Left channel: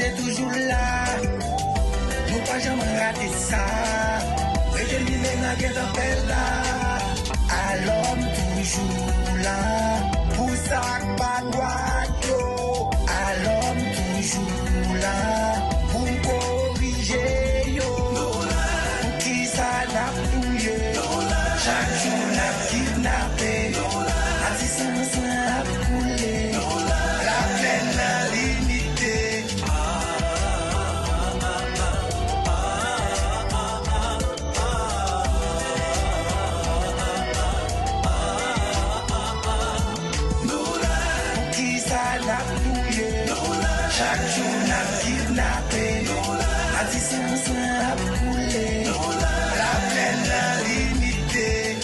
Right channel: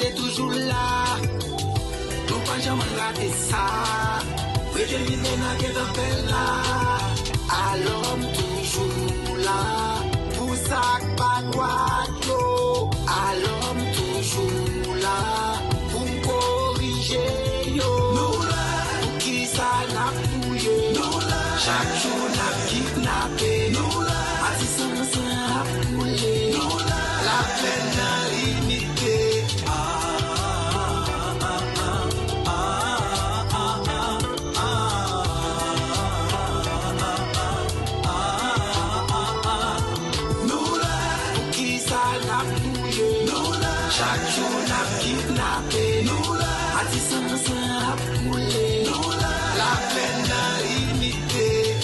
est toujours là. Nous pas jamais rater ça. Déterminé n'a qu'un appel là. À l'homme toujours là. Pour ça pas droite. À l'homme toujours là. Pour corriger yo. Pour qui ça n'a fouillé. Chaque jour n'a kidnappé. À 600 a coulé. La plaine n'a limité. Pour qui ça n'a fouillé. Chaque jour n'a kidnappé. À 600 a coulé. La plaine n'a limité.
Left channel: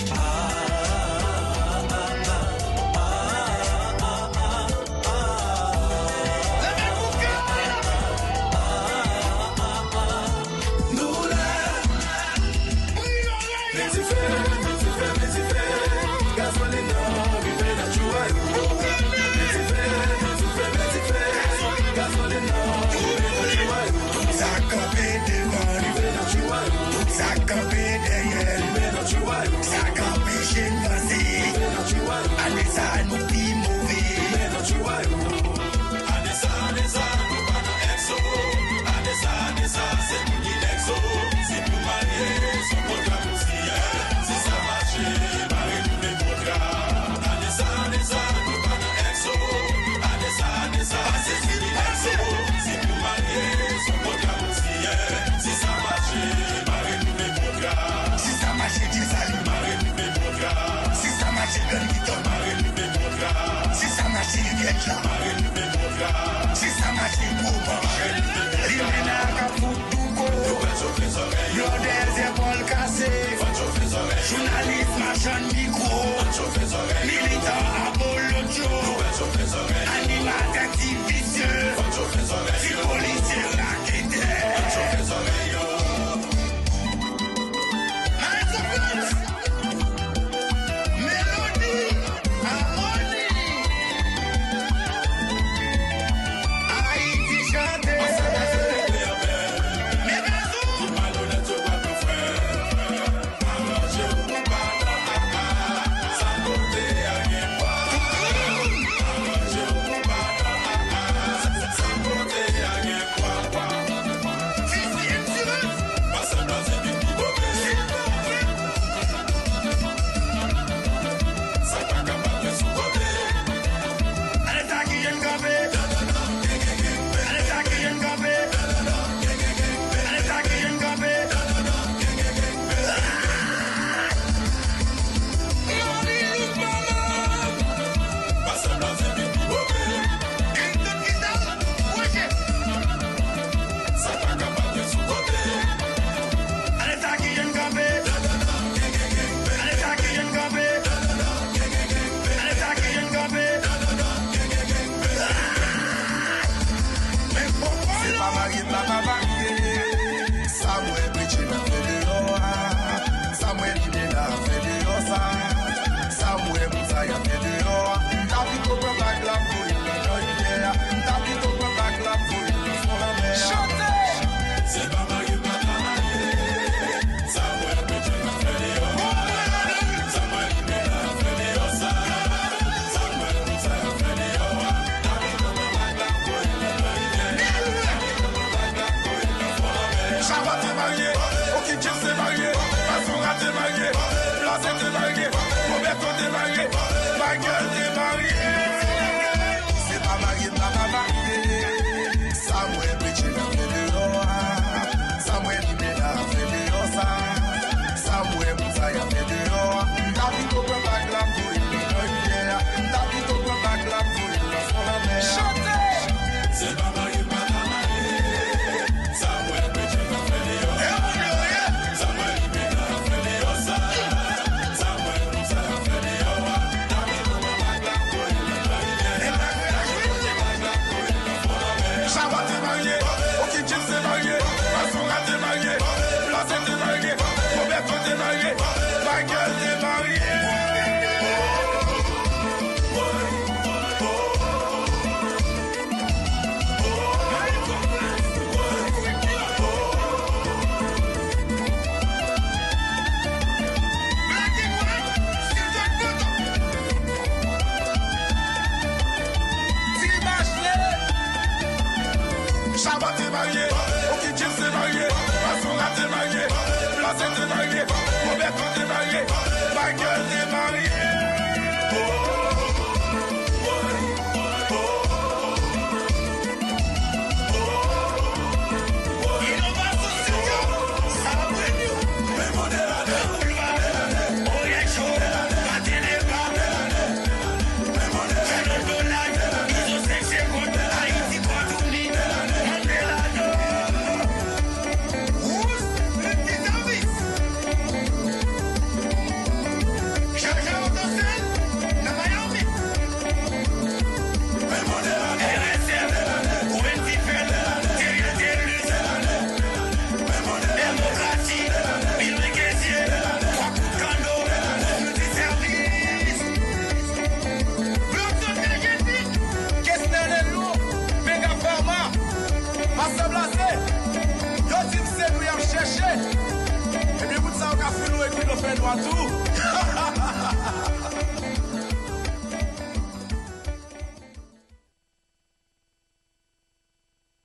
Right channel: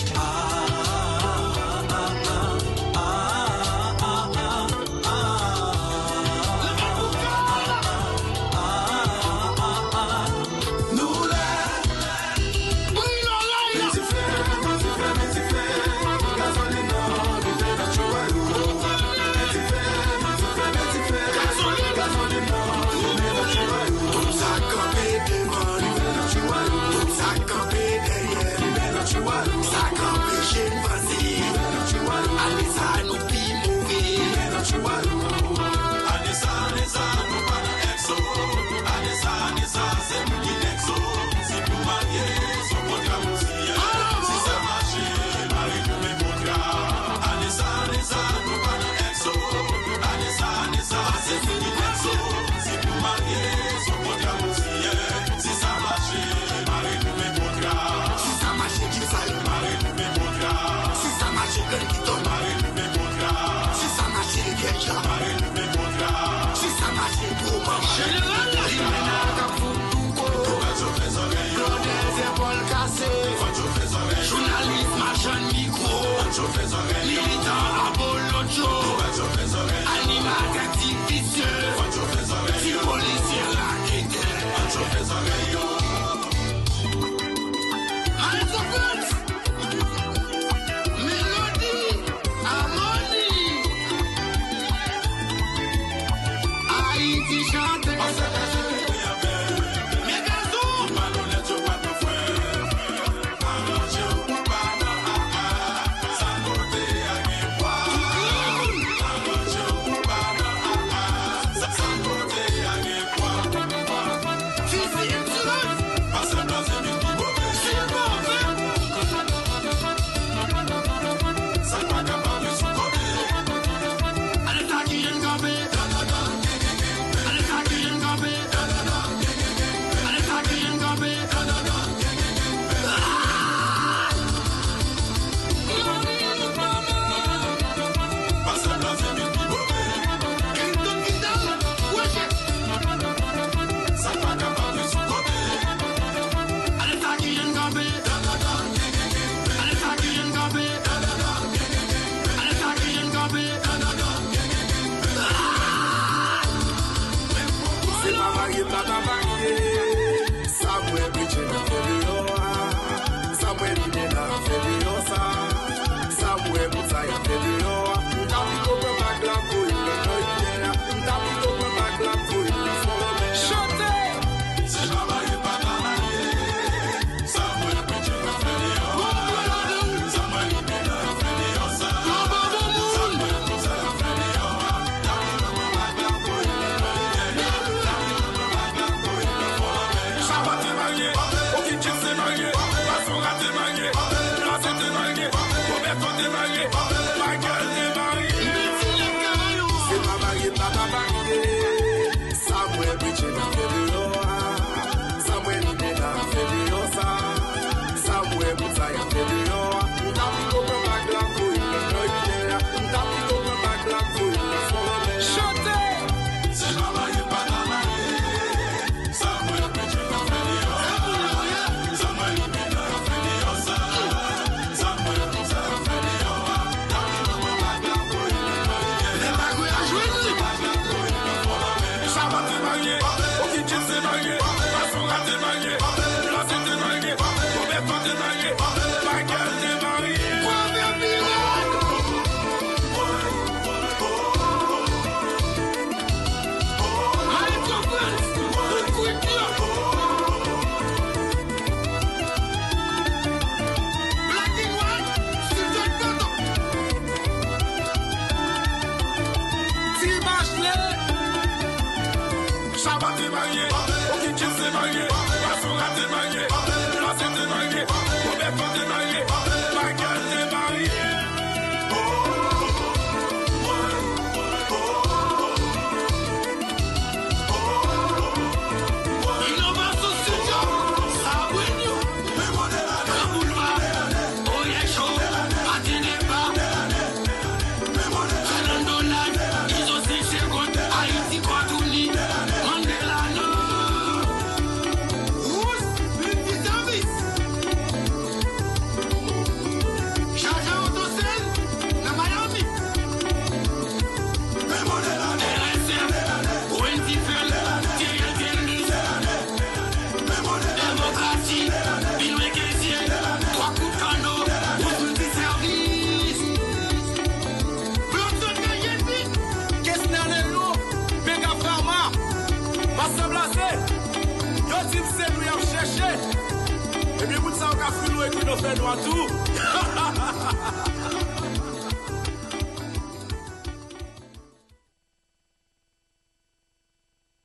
Samuel Bridget a fait de l'or, Samuel Lille a fait de l'or, Samuel Moutaï a fait de l'or. David au prend back la pour il l'a gueule. David au prend back la pour il l'a sur la mer. Chantez! Chabat t'es marié, Okitchil s'est marié, Basora t'es marié, Blasé t'es marié, Roberto t'es marié, Michael t'es marié. C'est pas marié, pas marié. Samuel Bridget a fait de l'or, Samuel Lille a fait de l'or, Samuel Moutaï a fait de l'or. David au prend back la pour il l'a gueule. David au prend back la pour il l'a sur la mer. Chantez! Chabat t'es marié, Okitchil s'est marié, Basora t'es marié, Blasé t'es marié, Roberto t'es marié, Michael t'es marié. Michael Chabat est marié, ok, James est marié, Basura est marié, Blas est marié, Roberto est marié, Michael est marié. Et bien, vous savez qu'on a fait nous et qu'on a fait nous à tout.